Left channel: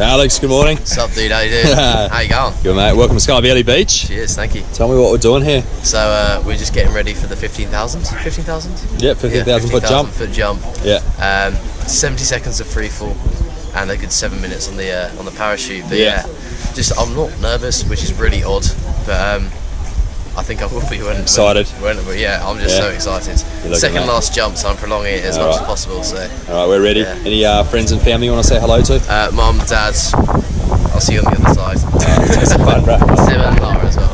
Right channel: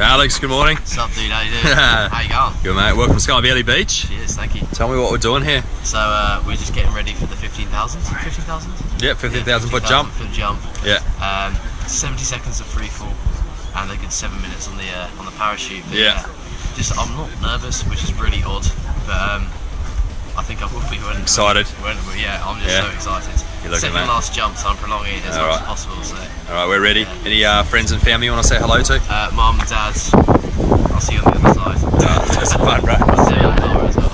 Alex, good morning. What's up, dude? How you doing? How you going? Good, mate. Welcome to Sky Valley Beach. Cheers, thank you. Tell me what we're doing here. So we're just getting ready for the 15,000. 15,000? Yep, 15,000 foot jump. Foot jump. Yeah. 70 seconds of free fall, and a good 7 minutes on the parachute. But Yeah. just I'm not nervous, which is really odd, but I think I will be when excited. Yeah, I'm just so excited. Second last jump, so I'm prolonging it as much as possible. So. All right, we're ready. Yeah. Any friends and family you want to say hello to? Mum, Dad. I'll see you on the other side. Just fun, bro. See you and Laura as well.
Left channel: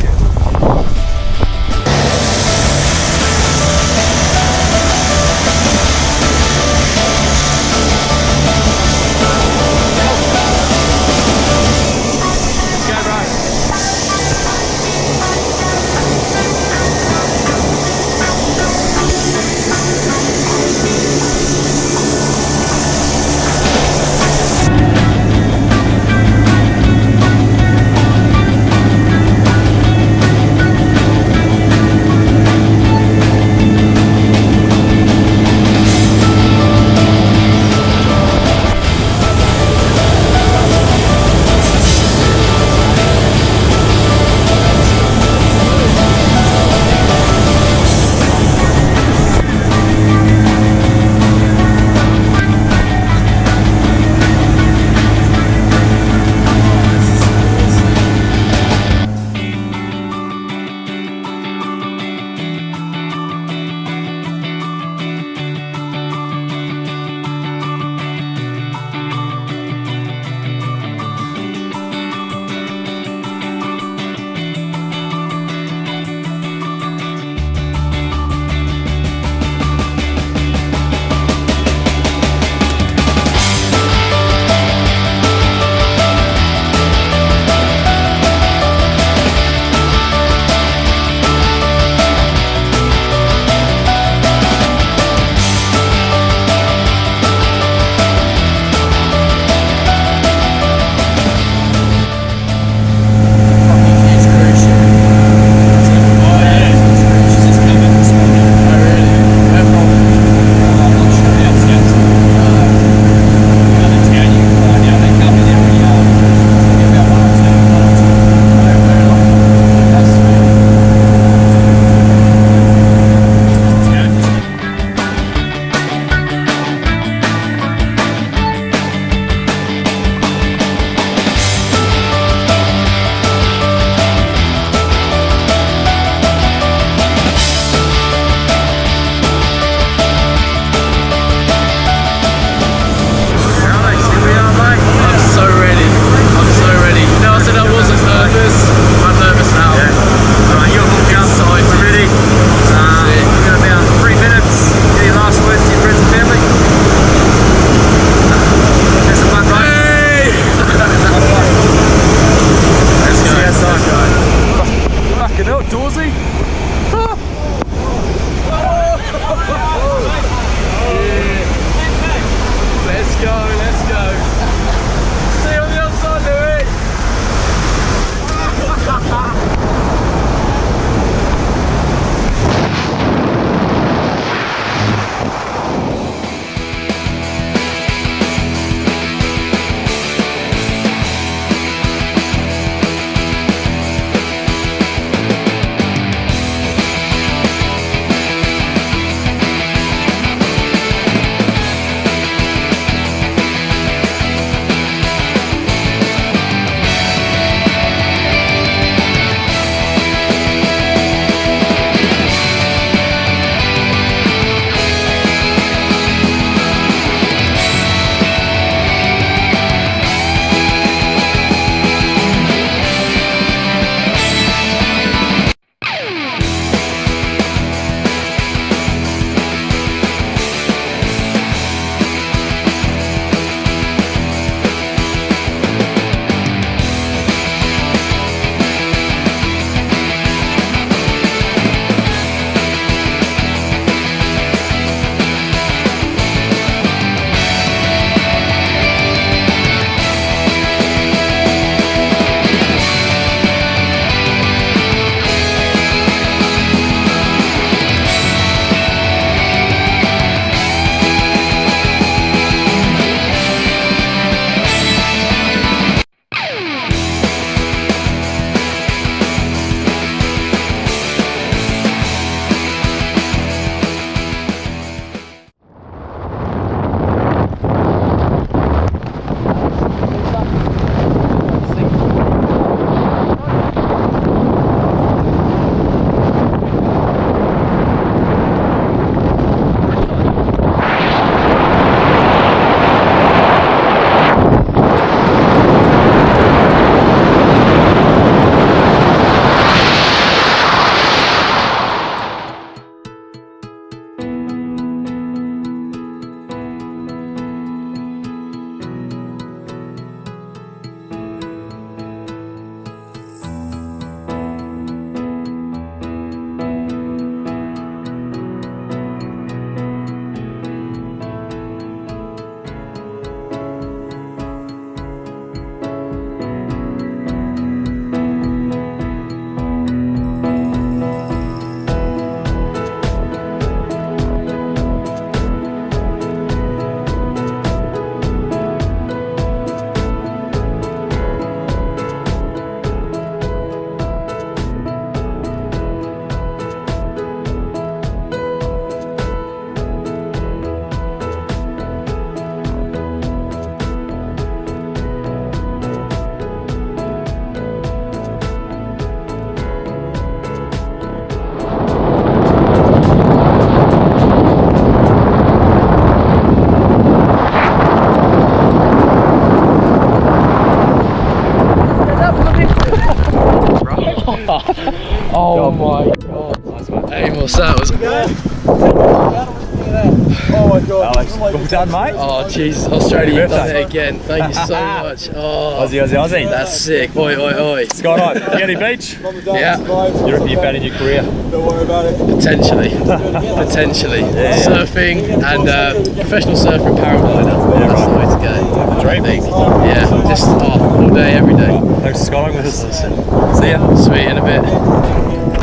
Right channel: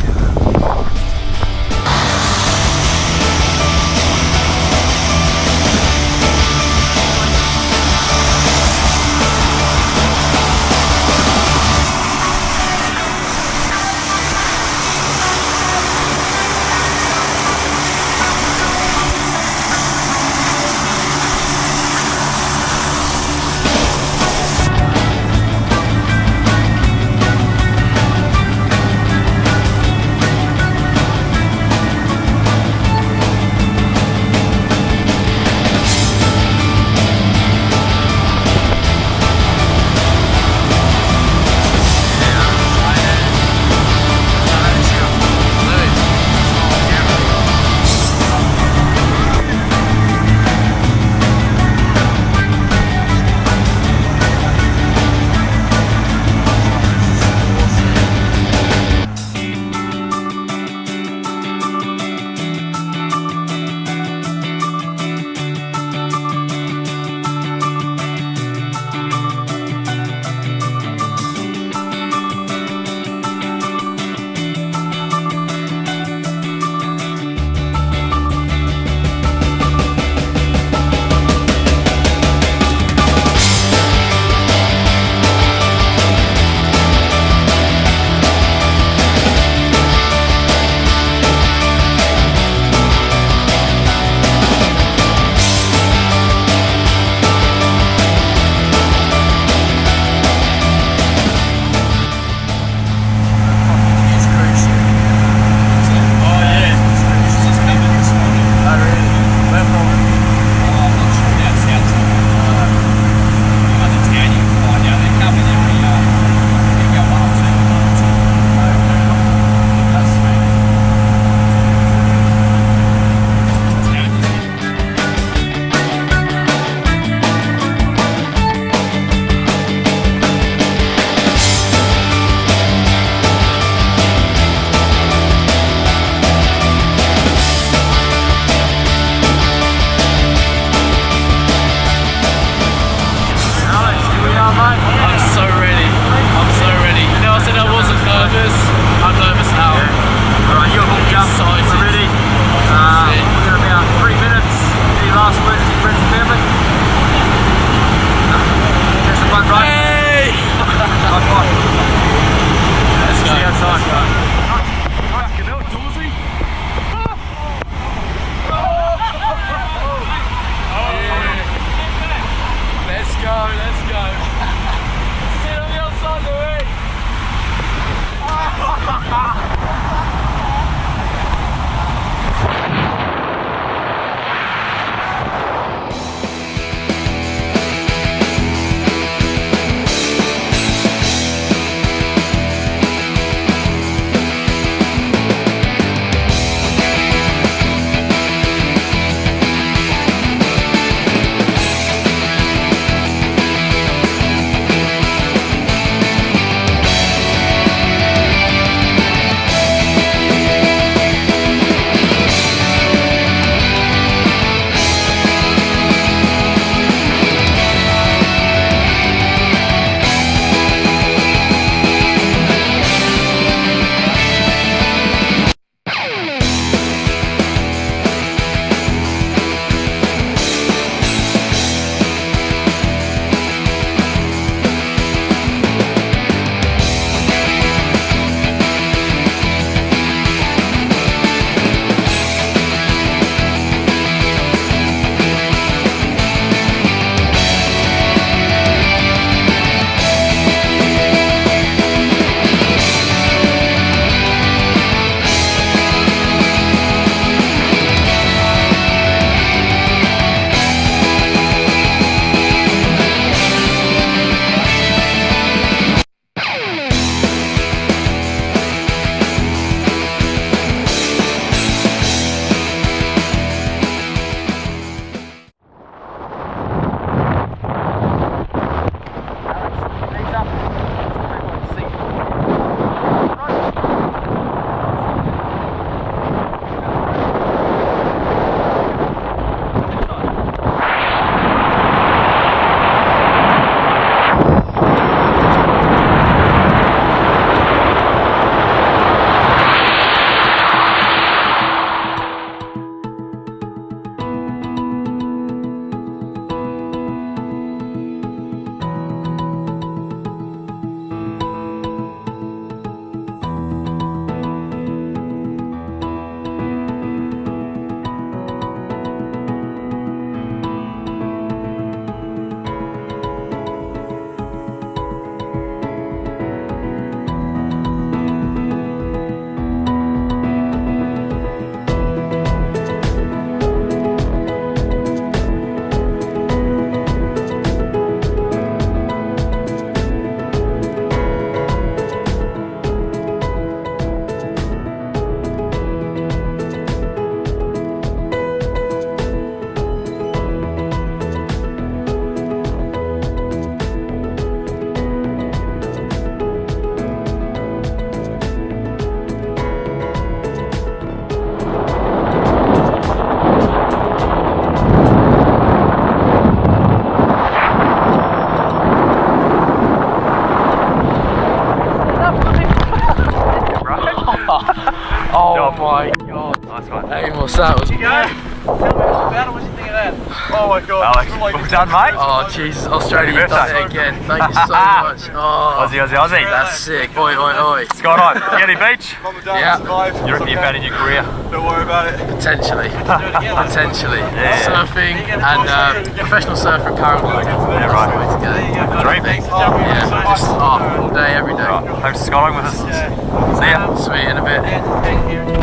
What's that? Tell me about it, what you think of that? Oh my god. Alex, well done, mate. Oh Jesus, Australia, you've done it again. Thank you so much. Oh, Aussie. that's sick. Oi, oi, oi. Skydive, Getty Beach. Yeah. You reckon you're bad in your career? Don't worry about it. Potentially. Potentially. Yeah. Surfing and professional surfer and paraglider. Yeah, That's right. the way to go. Dream. I think. Yeah, just all day, every day. Right, thanks for skydiving with us. See ya. Sweet, in a bit.